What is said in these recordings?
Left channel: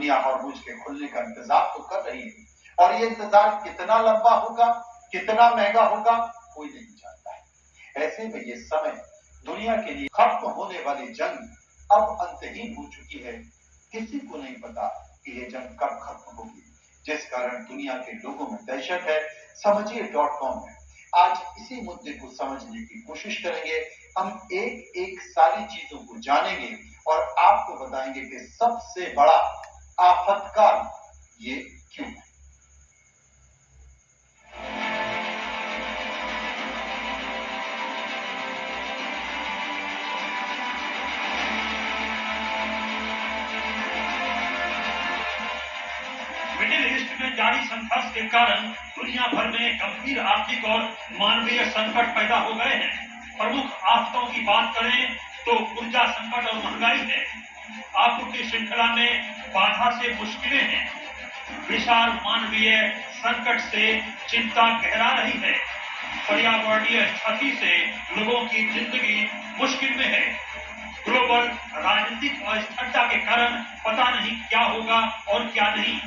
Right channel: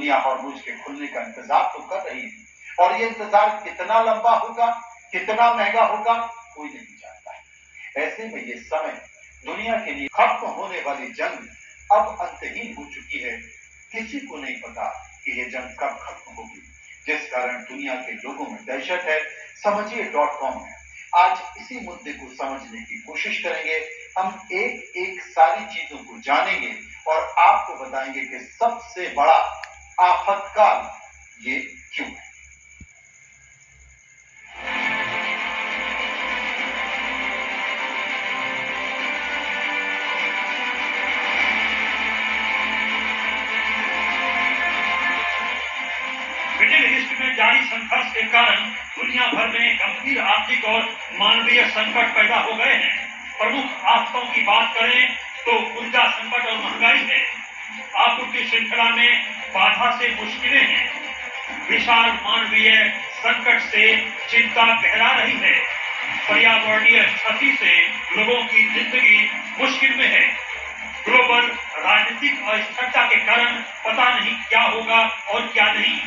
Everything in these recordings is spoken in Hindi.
दुनिया हॉर्मुज के खुलने का इंतजार तो कर रही है और ये इंतजार कितना लंबा होगा, कितना महंगा होगा, कोई नहीं जानता है। ऐसे में ये समय दुनिया के लिए खत्म होने वाली जंग अब अंतहीन हो चुकी है। किसी को नहीं पता कि ये जंग कब खत्म होगी, जिस कारण दुनिया के लोगों में दहशत है। समझिए.com में आज इसी मुद्दे को समझने की कोशिश करेंगे। हम एक एक सारी चीजों को जानेंगे और आपको बताएंगे कि सबसे बड़ा आफतकाल ये क्यों है। मिडिल ईस्ट में जारी संघर्ष के कारण दुनिया भर में गंभीर आर्थिक और मानवीय संकट पैदा हो गए हैं। प्रमुख आफतों की बात करें तो ऊर्जा संकट और महंगाई है। आपूर्ति श्रृंखला में बाधा से मुश्किलें हैं। विशाल मानवीय संकट से चिंता गहरा रही है। पर्यावरणीय क्षति से लोगों की जिंदगी मुश्किल में है। ग्लोबल राजनीतिक अस्थिरता के कारण पता नहीं क्या होगा और क्या नहीं।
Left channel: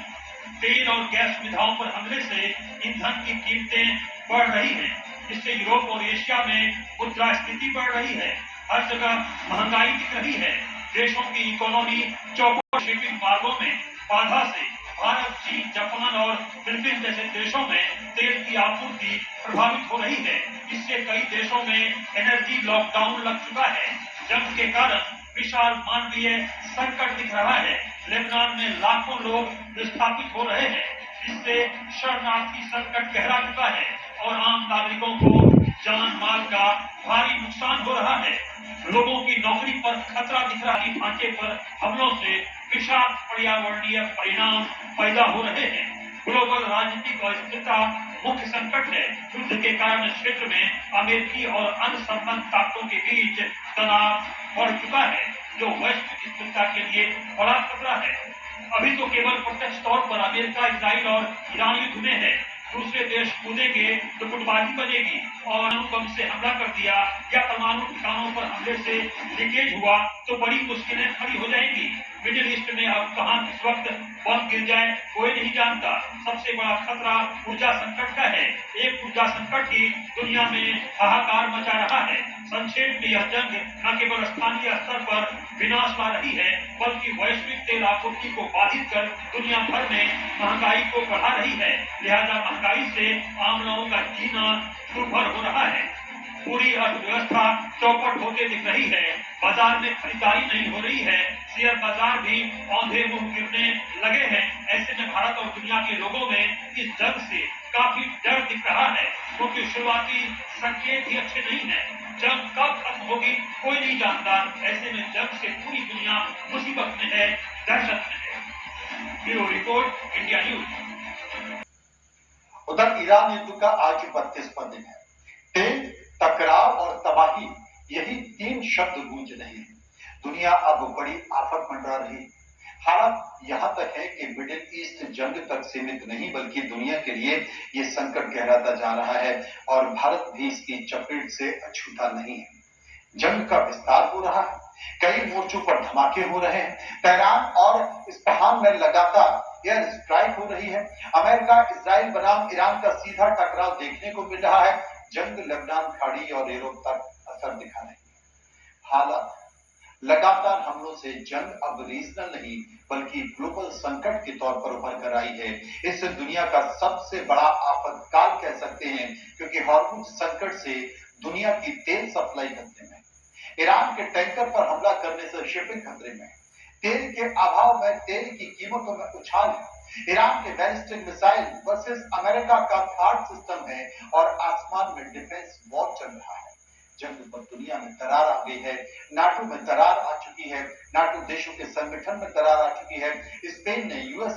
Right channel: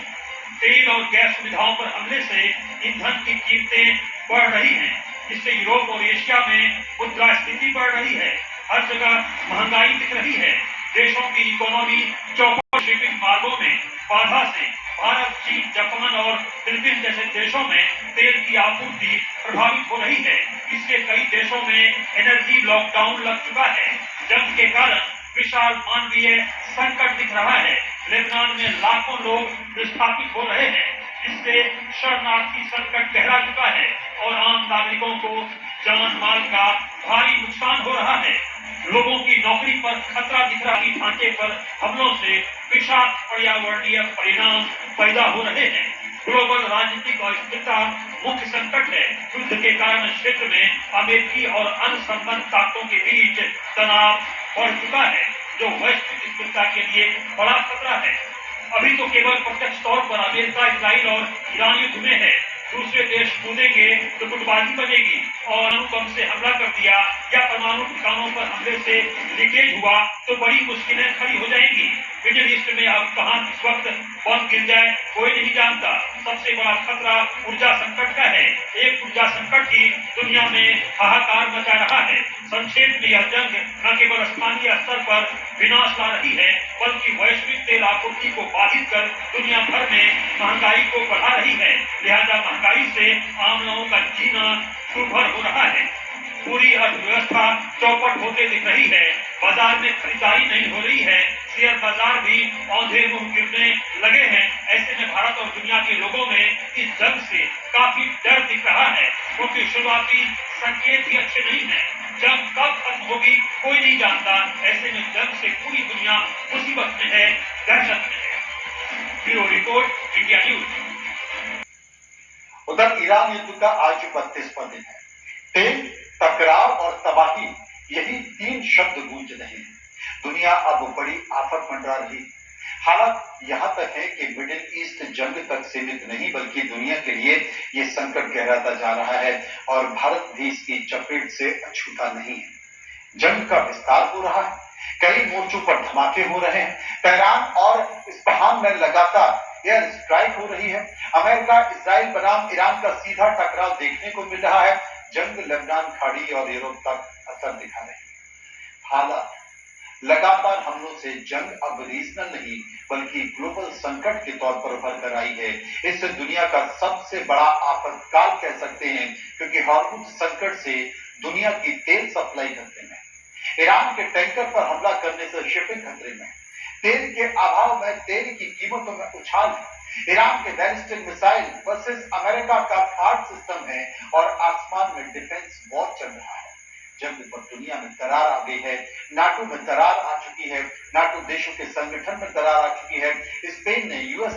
तेल और गैस सुविधाओं पर हमले से ईंधन की कीमतें बढ़ रही हैं। इससे यूरोप और एशिया में मुद्रास्फीति बढ़ रही है। हर जगह महंगाई दिख रही है। देशों की इकोनॉमी चौपट, शिपिंग मार्गों में बाधा से भारत, चीन, जापान और फिलीपीन जैसे देशों में तेल की आपूर्ति प्रभावित हो रही है। इससे कई देशों में एनर्जी लॉकडाउन लग चुका है। जंग के कारण विशाल मानवीय संकट दिख रहा है। लेबनान में लाखों लोग विस्थापित हो रहे हैं, जिससे शरणार्थी संकट गहरा चुका है और आम नागरिकों को जान माल का भारी नुकसान हो रहा है। लोगों की नौकरी पर खतरा दिख रहा है। ढांचे पर हमलों से विशाल पर्यावरणीय परिणाम पैदा हो रहे हैं। ग्लोबल राजनीतिक अस्थिरता मुख्य संकट है। युद्ध के कारण क्षेत्र में अमेरिकी और अन्य संबंध ताकतों के बीच तनाव बढ़ चुका है, जो वैश्विक स्थिरता के लिए बड़ा खतरा है। अभी तो केवल प्रत्यक्ष तौर पर अमेरिका, इजराइल और ईरान युद्ध में है। दूसरे देश कूदेंगे तो गुटबाजी बनेगी और अणुबम से हमला कर दिया या परमाणु ठिकानों पर हमले से लीकेज हुआ तो बड़ी मुश्किलें खड़ी हो जाएंगी। मिडिल ईस्ट में अब कहां किस वक्त बम गिर जाए कोई नहीं जानता। सबसे बड़ा खतरा ऊर्जा संकट का है। एक ऊर्जा संकट ही दुनिया में हाहाकार मचा रहा है। संक्षेप में यह जंग न केवल स्थानीय स्तर पर विनाश ला रही है, बल्कि वैश्विक तेल आपूर्ति को बाधित कर दुनिया भर में महंगाई को बढ़ा रही है। लिहाजा महंगाई से आम लोगों का जीना दुर्भर हो रहा है। पूरी अर्थव्यवस्था चौपट होते दिख रही है। बाजार में खरीदारी नहीं हो रही है। शेयर बाजार भी औंधे मुंह गिरने लगे हैं। ऐसे में भारत और दुनिया के लोगों में इस जंग से काफी डर दिख रहा है, क्योंकि शुरुआती संकेत ही अच्छे नहीं है। जंग कब खत्म होगी कोई नहीं जानता। ऐसे में जंग से पूरी दुनिया मुसीबत में है, दहशत में है। Bureau report, India news. उधर ईरान युद्ध का आज 32वां दिन है। तेल, टकराव और तबाही, यही तीन शब्द गूंज रहे हैं। दुनिया अब बड़ी आफत मंडरा रही। हालात यहां तक है कि मिडिल ईस्ट जंग तक सीमित नहीं, बल्कि दुनिया के लिए ये संकट गहराता जा रहा है और भारत भी इसकी चपेट से अछूता नहीं है। जंग का विस्तार हो रहा है। कई मोर्चों पर धमाके हो रहे हैं। तेहरान और इस्फहान में लगातार एयर स्ट्राइक हो रही है। अमेरिका, इजराइल बनाम ईरान का सीधा टकराव देखने को मिल रहा है। जंग लेबनान खाड़ी और यूरोप तक असर दिखा रही है। हालात लगातार हमलों से जंग अब रीजनल नहीं बल्कि ग्लोबल संकट के तौर पर उभर कर आई है। इस दुनिया का सबसे बड़ा आपातकाल कह सकते हैं, क्योंकि हॉर्मुज संकट से दुनिया की तेल सप्लाई खतरे में, ईरान के टैंकर पर हमला करने से शिपिंग खतरे में, तेल के अभाव में तेल की कीमतों में उछाल है, ईरान के बैलिस्टिक मिसाइल वर्सेस अमेरिका का थार्ड सिस्टम है और आसमान में डिफेंस वॉर चल रहा है। जंग पर दुनिया में दरार आ गई है। नाटो में दरार आ चुकी है। नाटो देशों के संगठन में दरार आ चुकी है। स्पेन ने यूएस